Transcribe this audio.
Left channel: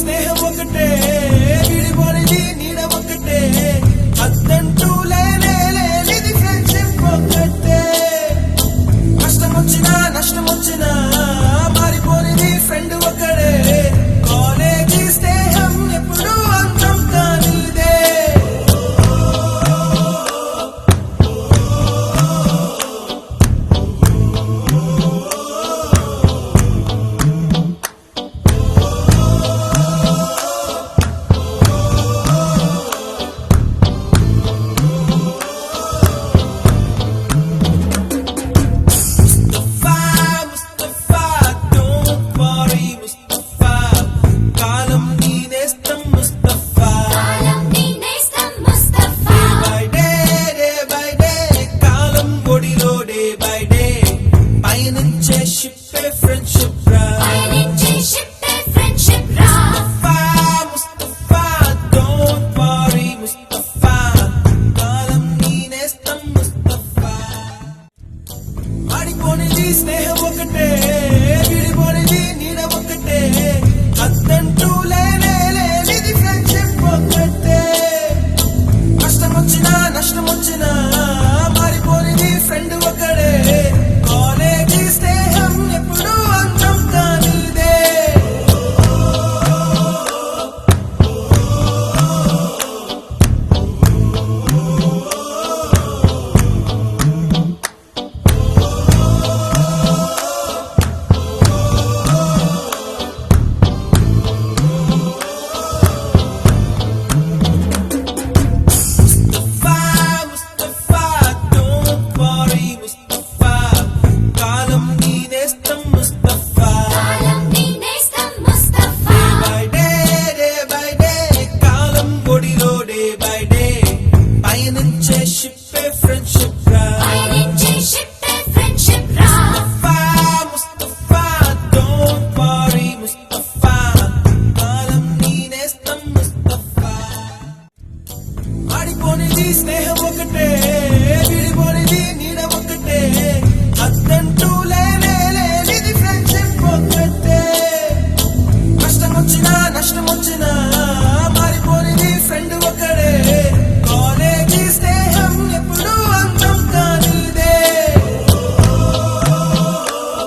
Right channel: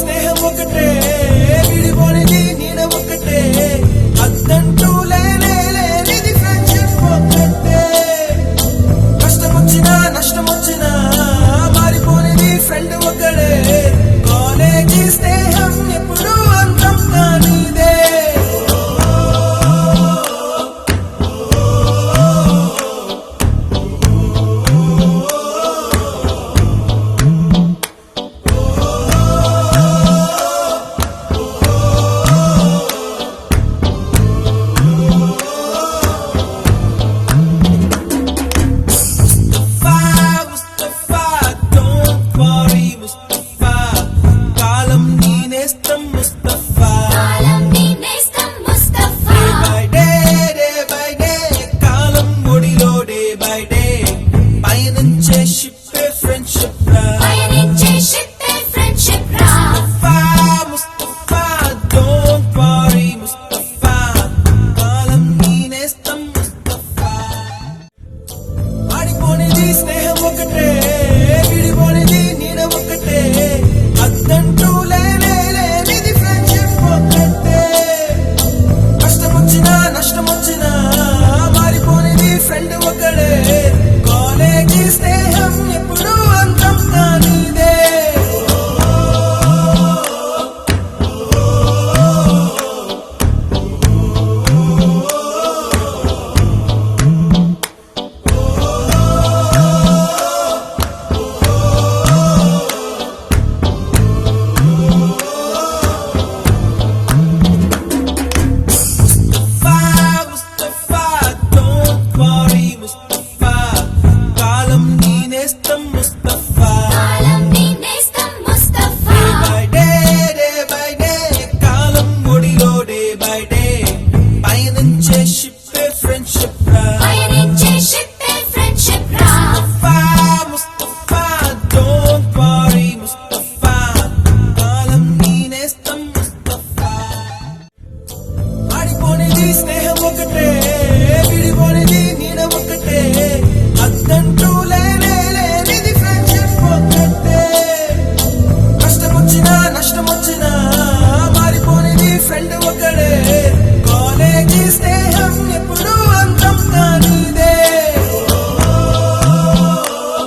స్నేహం ఒకటే, విడిపోనిది నీడ ఒకటే, అద్దంటూ లేనిది ఫ్రెండ్షిప్ ఒకటే. కష్టం వచ్చినా నష్టం వచ్చినా మారిపోనిది ఫ్రెండ్ ఒకడే. కాలేజీ స్నేహం ఎప్పుడు అంతం కానిదే. స్నేహం ఒకటే, విడిపోనిది నీడ ఒకటే, అద్దంటూ లేనిది ఫ్రెండ్షిప్ ఒకటే. కష్టం వచ్చినా నష్టం వచ్చినా మారిపోనిది ఫ్రెండ్ ఒకడే. కాలేజీ స్నేహం ఎప్పుడు అంతం కానిదే. స్నేహం ఒకటే, విడిపోనిది నీడ ఒకటే, అద్దంటూ లేనిది ఫ్రెండ్షిప్ ఒకటే. కష్టం వచ్చినా నష్టం వచ్చినా